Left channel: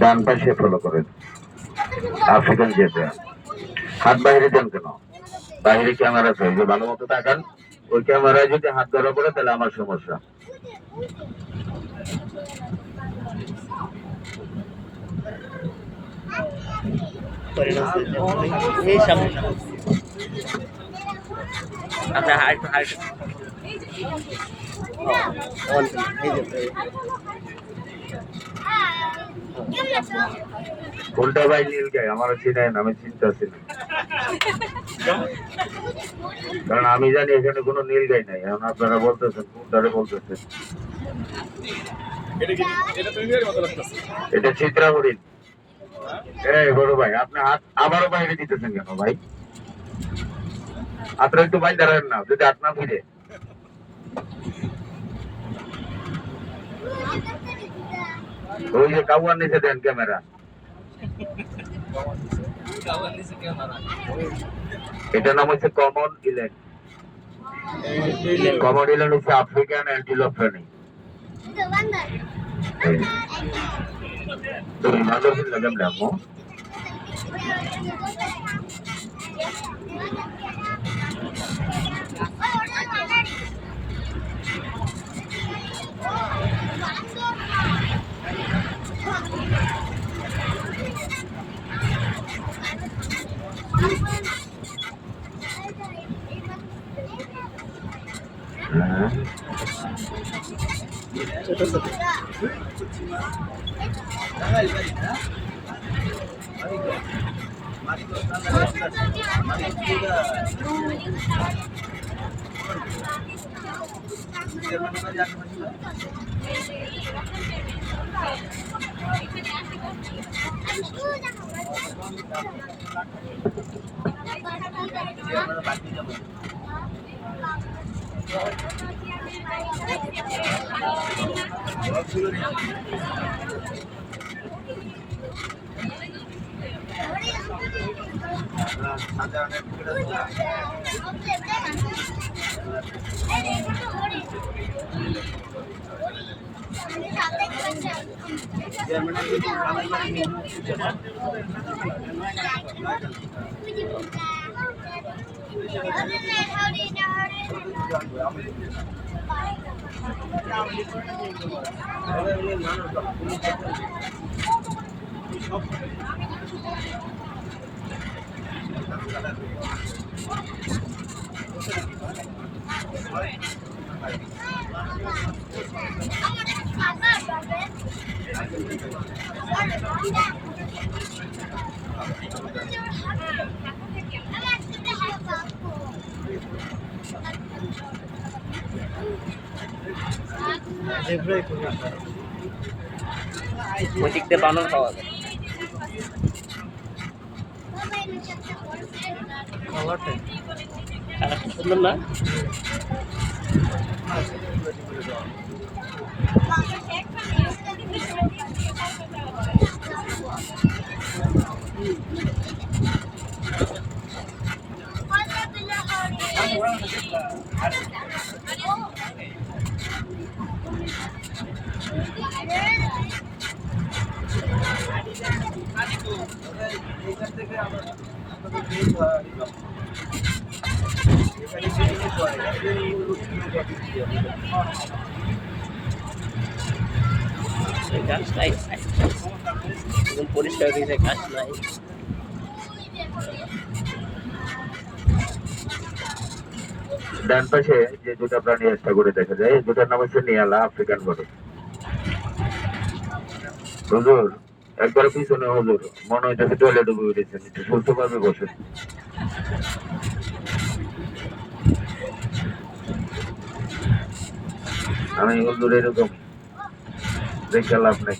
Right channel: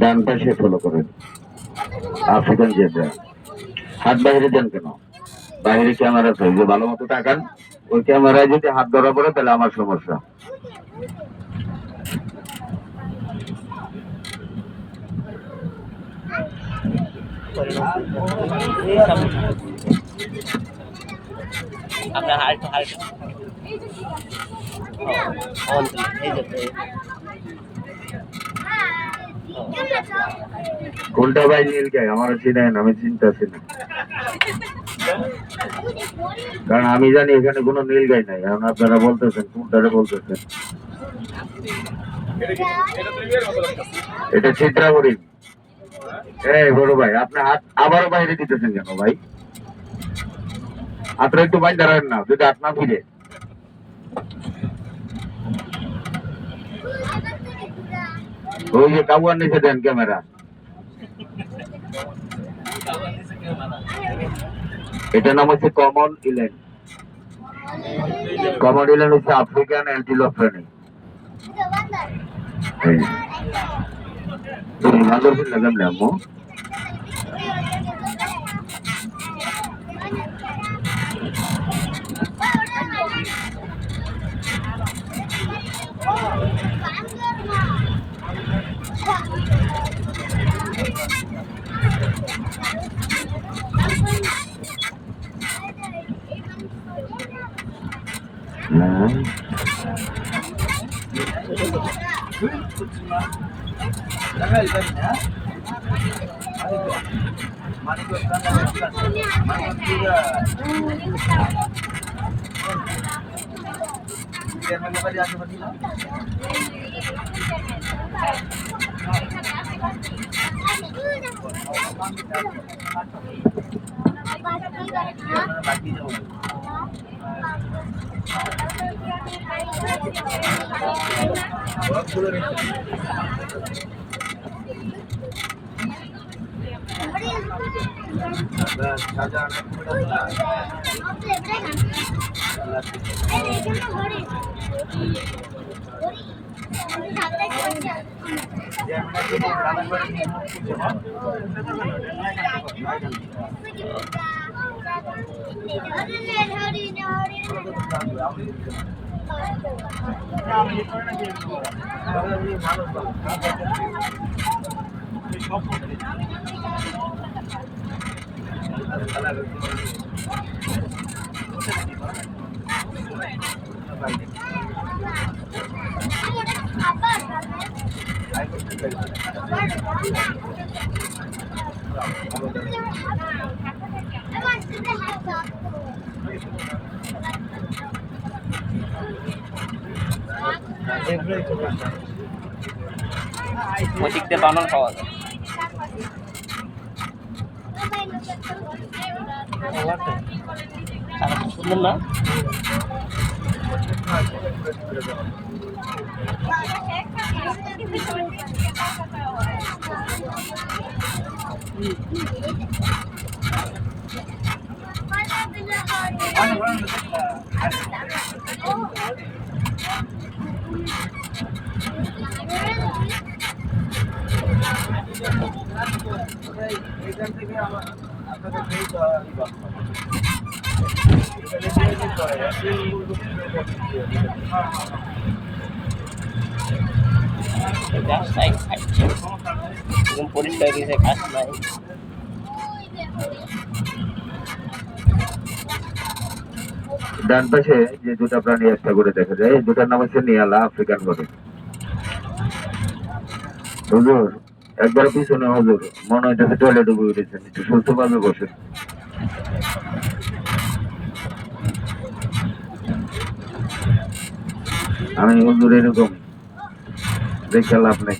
ডান পাশে ফলো করেন African zebra. হাত বাইরে দেন কেন? বাইরে ক্যামেরা চাই যে ভালো মতো তাকান। ওই ক্যামেরায় যদি হাত ধরা পড়ে তাহলে আমার সমস্যা। আপনার হার্ট কোনটা ভাই নীল গায়ে আমার চিনেন? আমি চিন্তাছি না, কারণ আমি জানি এখানে কোনো নীল গাই নাই। এখন আপনারা বলতেছেন কোনটারে বলতেছেন? এটা চিত্রাবরী। এই বড় ভাই আপনি হাত আবারও বাইরে দিতেছেন কেন ভাই? আপনারা একটু বাইরে দাঁড়ান না, যদি হাত না ফিরে। ওই যে কাবুয়ার নিচে দেন ক্যামেরা। এটার নাম হচ্ছে কমন ইল্যান্ড। কমন ইল্যান্ড হচ্ছে আফ্রিকান অ্যান্টিলোপ প্রাণী। ভালো লাগাম না আম্মু। ওই দিক দিয়ে বানর পাওয়া যায়। সুন্দর না? গাছ নাই, একদম পরিষ্কার হয়েছে, গাছ নাই। ডান পাশে যে দুটা প্রাণী একটা করে দেখা যায়, এই দুটার নাম হচ্ছে নিয়ালা আফ্রিকান গরু। হুজুর একবার পিছনে হুজুর, মনে হইতেছে টয়লেটে বই উঠেছেন, একটু সুস্থ ভাবে বসেন। আমি হুজুর এরকম দেখে লাভ নেই।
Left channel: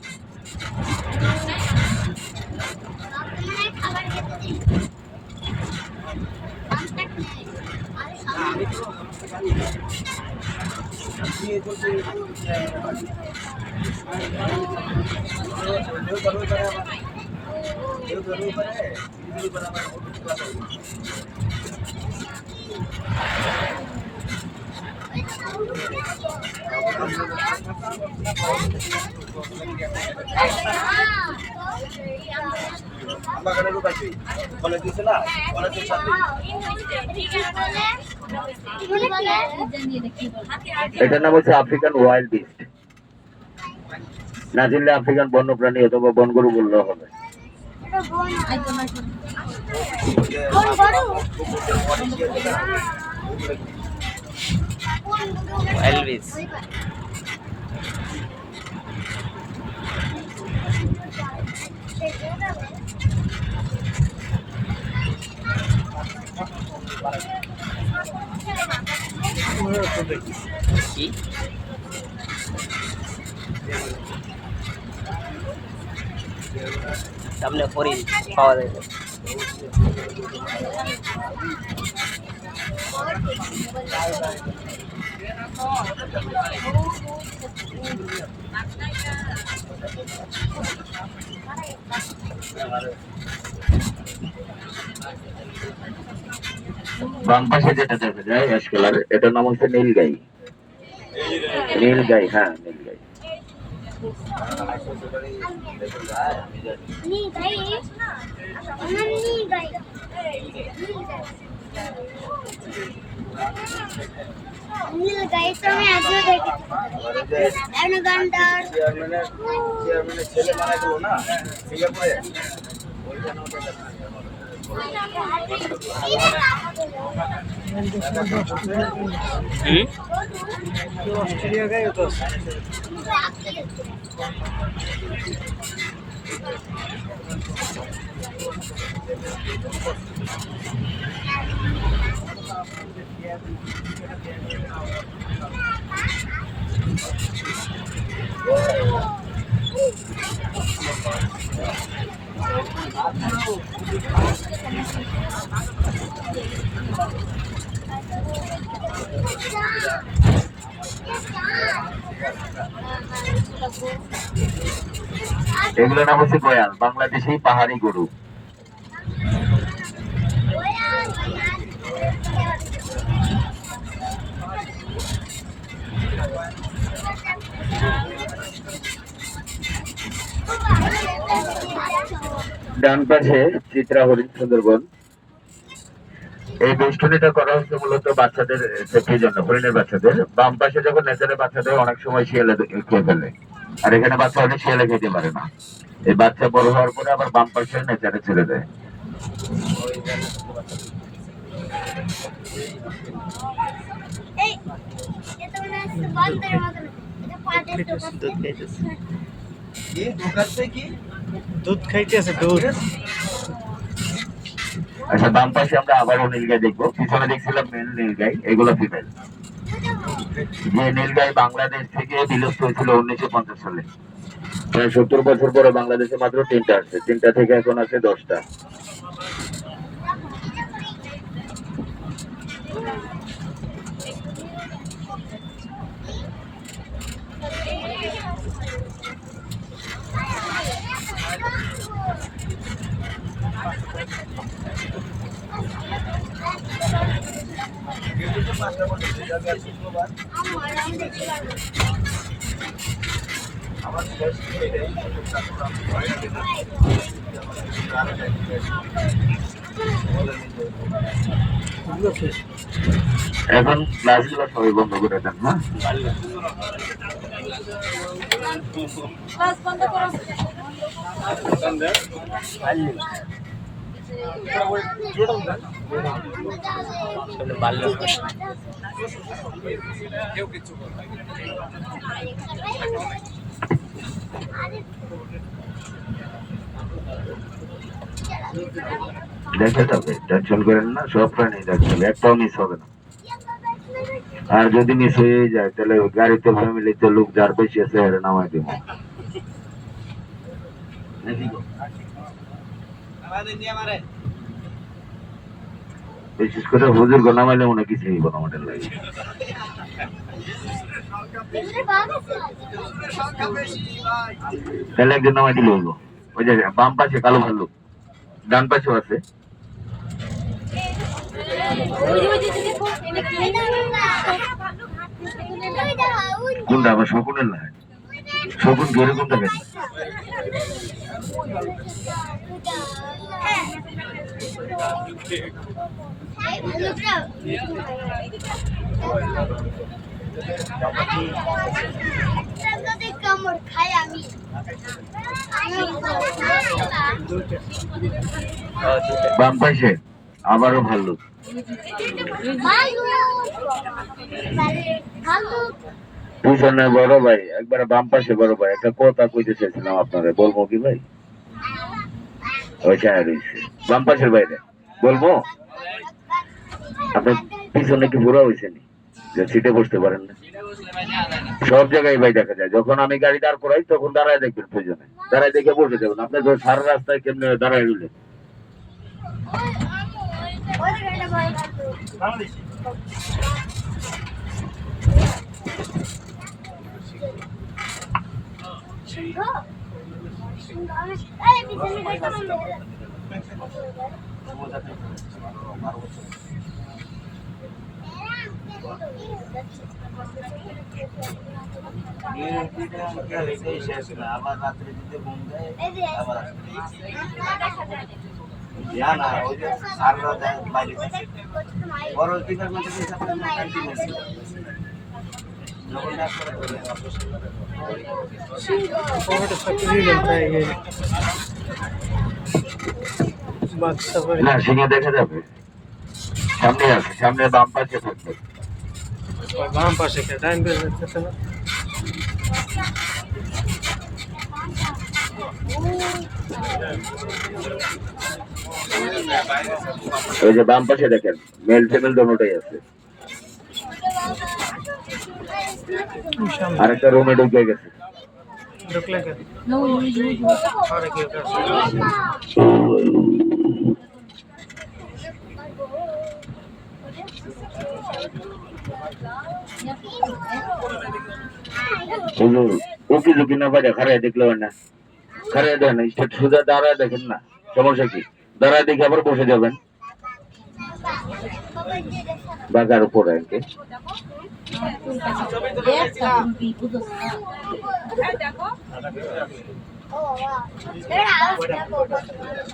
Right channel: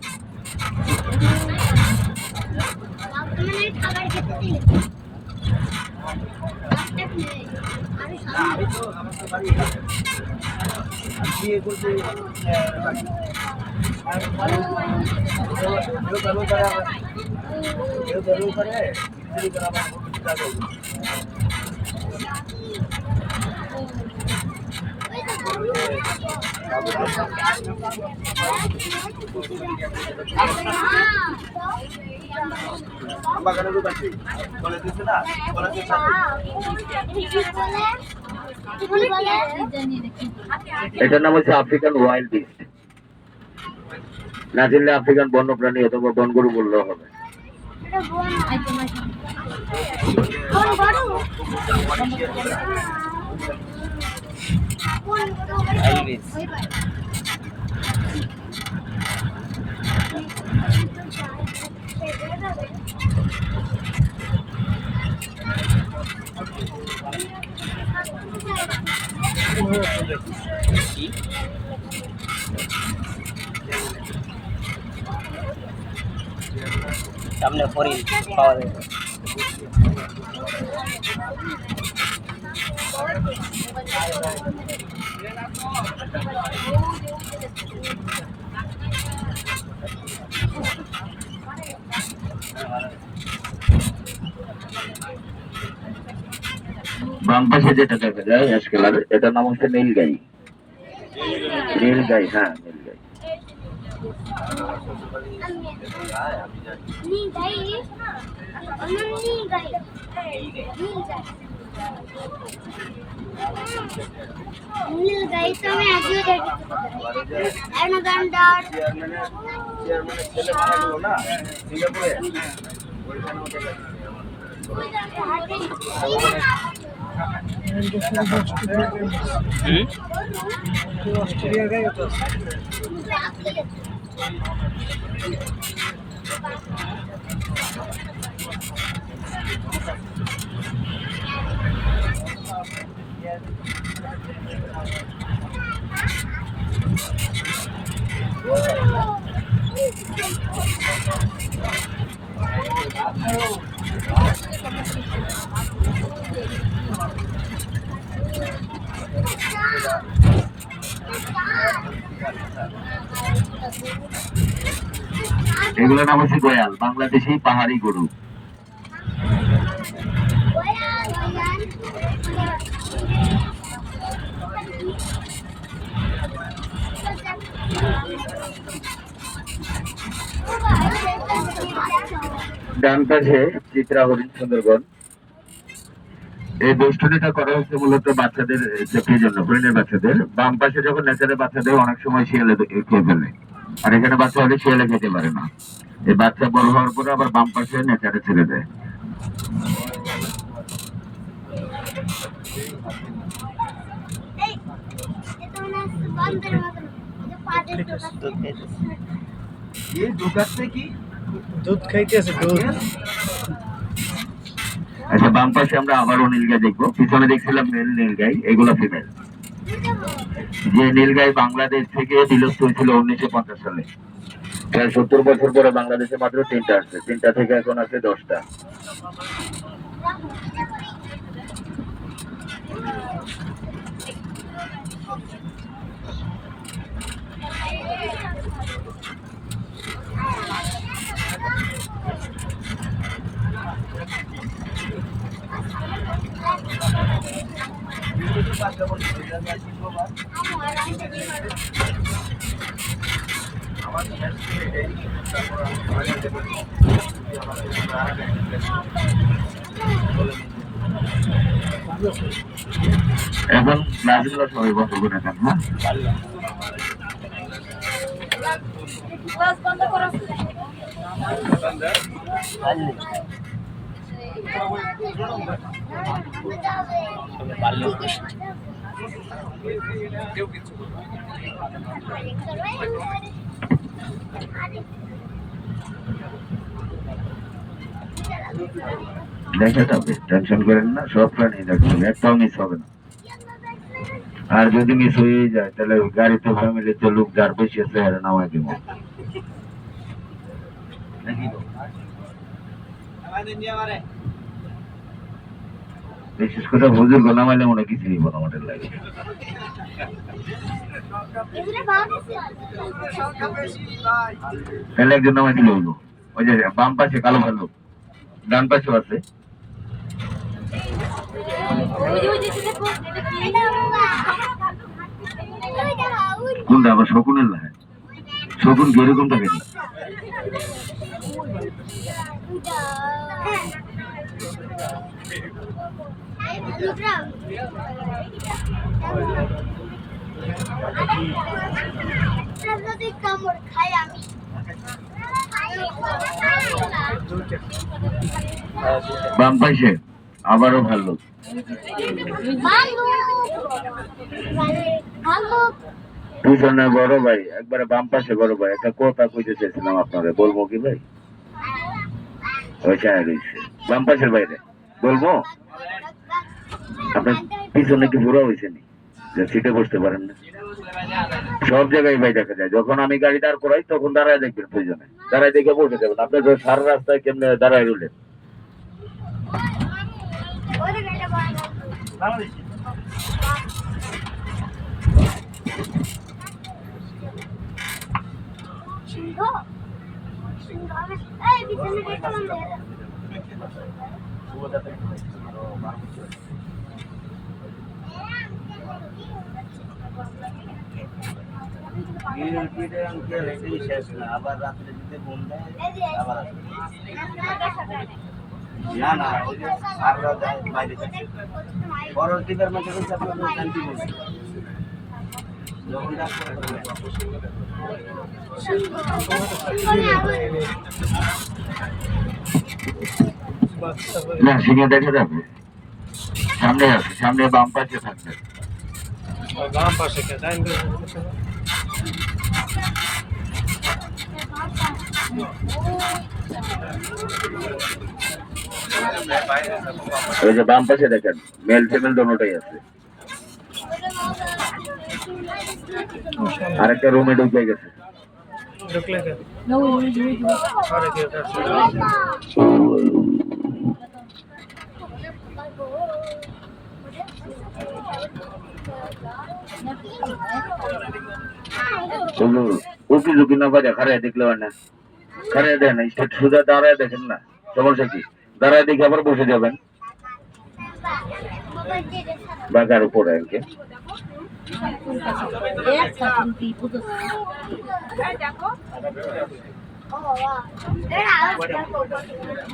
এটার নাম হচ্ছে আফ্রিকান ওয়াইল্ড বিস্ট। না চিনলে আফ্রিকান বন্যপ্রাণী অথবা বনগরু বললেও হবে। এলভিস। কি? সামনে হরিণ পাওয়া যায়। বাম পাশে যেটা দেখা যায় অ্যাশ কালার, এটার নাম হচ্ছে নীলগাই। নীলগাই, হ্যাঁ নীলগাই। নীলগাই তো আমি আজও দেখি। অ্যানাকন্ডার ছেলে মারা গেল না সিঙ্গাপুরে, অস্ট্রেলিয়া গেছে তো। এগুলোর নাম হচ্ছে গয়াল, বাংলাদেশি পাহাড়ি গরু। ডান পাশে চিত্রা হরিণ সুন্দরবন। এই বেষ্টনীটা করা হচ্ছে মূলত বাচ্চাদের সেফটির জন্য, হরিণের বাচ্চাদের। বাম পাশে যখন নেচারের বাচ্চাদের অনেক সময় শিয়ালে খেয়ে ফেলে, আর এখানে বাচ্চা হলে শিয়ালে খেতে পারে না। এই বাচ্চা বড় হওয়ার পরে আবার বাম পাশে নেচারে ছেড়ে দেয়। দুধ খাইতেছে, দুধ। আচ্ছা, বাম পাশে আমরা আবারও নীলগাই দেখবো। পিছনে দেখছিলাম নীলগাই, এগুলো ফিমেল। যে নীলগাই বাংলাদেশ থেকে বিলুপ্ত হয়েছিল 1950 সালে, প্রায় 70 বছর পরে বাংলাদেশে মাত্র 3টা আসছে। 3টা থেকে এখন আছে 10টা। আমার শেষ এটাই, তারপর আমি এখন ক্লাসগুলো সবাই বন্ধ করে দেন, হ্যাঁ? দেখে যাবে, টেনশন করেন না, সব প্রাণী দেখে যাবে, একটাও মিস হবে না। আর যদি মিস হয়ে যায় তাহলে গাড়িতে ফ্যামিলিতে লোক যার বেশি আছে হেরে নামাই দিব। বিশেষ করে বুজুর্গ নামাইলে মনে কিছু হইব না আমাদের লাগে। তাহলে একজন নামাই দিলে হইব। ওই যে বাম পাশে কালো ভাল্লুক, ডান পাশেও আছে। কোনটা আবার শকুনের না? শকুন কিরকম থাকে? কামড় খাই আমি বাম পাশে আবারও ভালো। পিছনে বড় ভাই, একবারে বাম পাশে বড় ভাই একটা কথা কইতে চাইছিলাম আপনারে, বলবো কি ভাই? ওই ছায়া রয়েছে বাম পাশের বাইরে, বলবো? আপনার পিছনে কি বুড়া হয়েছে নি যে সিটে বসতে পারেন না? সব জায়গায় ভাই দেখা যায়, যখন আমি গাড়ি দাঁড় করাই তখন দাঁড়ায় দেখবেন, প্রয়োজনে দাঁড়ায় দেখে বসে যাবেন। আপনার সারা রাস্তায় কেমনে দাঁড়ায় রইলেন? আবার রাত্রে দিতে ঘুম দেয় আবার আসে। না না ওই যে সাররা দেয় বাইরে থেকে বড় টিকার মধ্যে কিন্তু আপনার ক্যান্টিন আছে যখন ডাক্তার না সিংহে দেখা যাবে, সামনে আছে, সামনে বাম পাশে থাকবে। বাম পাশে ডাইন ওই যে বাম পাশে দেখেন, মেল ফিমেল দোনোটাই আছে। আরেকটা রুমে ঢুকে গেছে। ঢুকলে কেন? আরে কি এটা উকি ঝুঁকি না বাজে খারায় দেখলে হয় না, খারায় দেয় না, সোজা দাঁড়ায় দেখেন না, সমস্যা কি? দাঁড়ায় দেখে আবার বসে যাবেন বাজার উপরে আগে।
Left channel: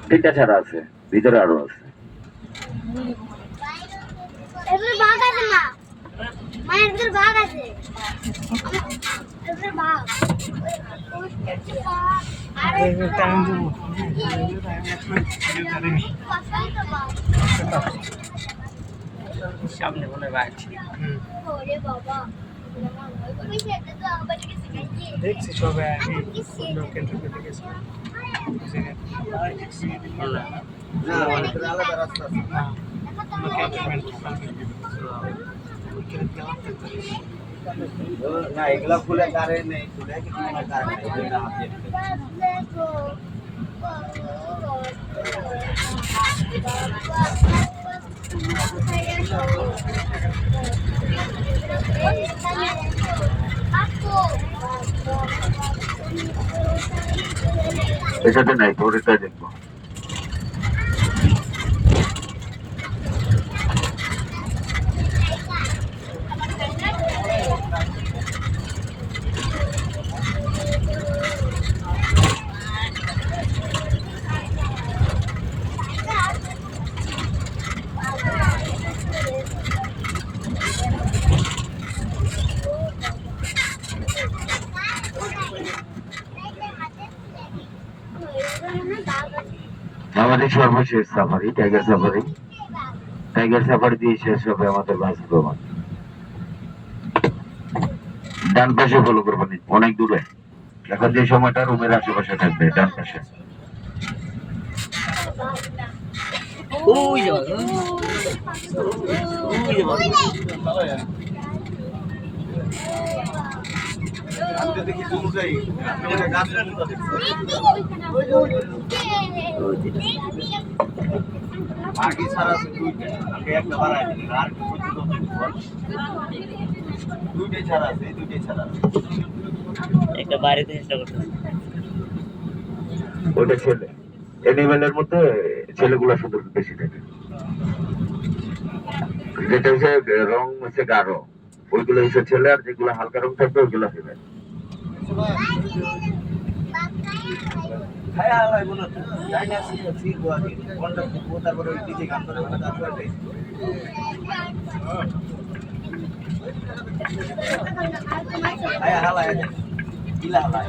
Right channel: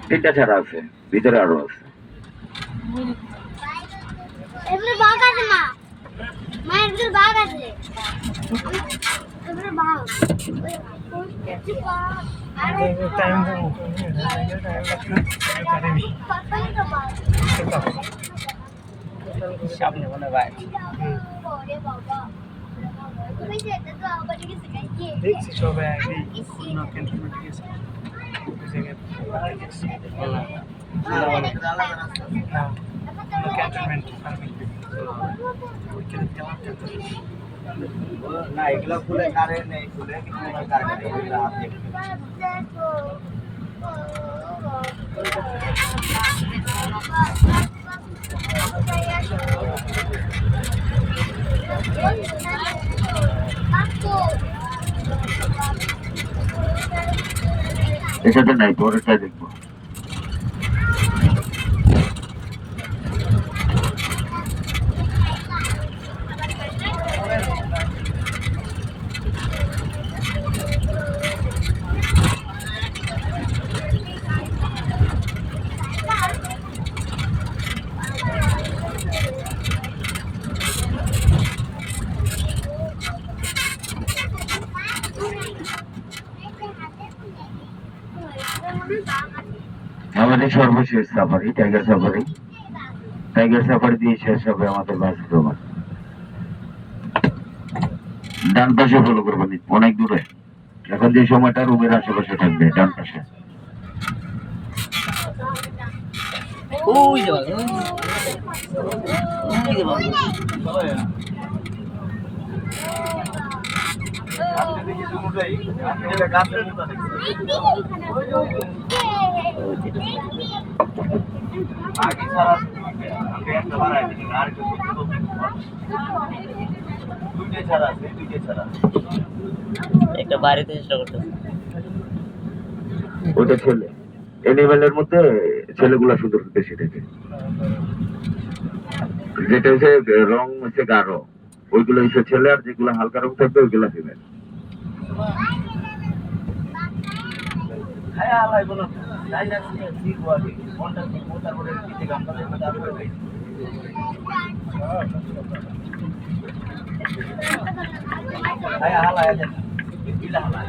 তিনটা ছাড়া আছে, ভিতরে আরো আছে। বাঘ আছে মা, মায়ের বাঘ আছে, বাঘ টাইম দেবো টাইম সামনে মনে হয় দেখছি সবাই আগে ক্যান্টনমেন্টে গেছে না অনেকটা আলাদা রাস্তা আছে না ক্যান্টনমেন্ট না এগুলা খুলে কারে নেই খুলে কিন্তু মনে কারে নেই এগুলা হাতে এটাতে নাই, পরেরটা দেখবো। আমাদের সর্বশেষ safari tiger safari, tiger safari দিয়ে শেষ হবে আমাদের বাস ভ্রমণ। ডান পাশে ফলো করবেন, অনেক দূরে, এখন যে সময়টা রুমের আশেপাশে থাকবে ডান পাশে। আপনি দেখি দুটোই আপনি এটা গাছের মতো আগে ছাড়া আছে দুইটা আপনি একটা বাড়াই দিলেন আর একটা দুইটাই ছাড়া আছে দুইটাই ছাড়া একটা বাড়িতে চেষ্টা করতে ওটা ছেলে, এনিমেলের মধ্যে ছেলেগুলা সুন্দর বেশি থাকে, যেটা হচ্ছে রং হচ্ছে গাঢ়, ওইগুলো হচ্ছে ছেলে, আর যেগুলো হালকা রং থাকবে ওইগুলো ফিমেল। খায়া হালাই বলো তো যাই না শিখবো আগে কোনটা শিখবো তারপরে নিজে গান বাজাবো তারপরে খায়া হালাই আছে ইলা হালাই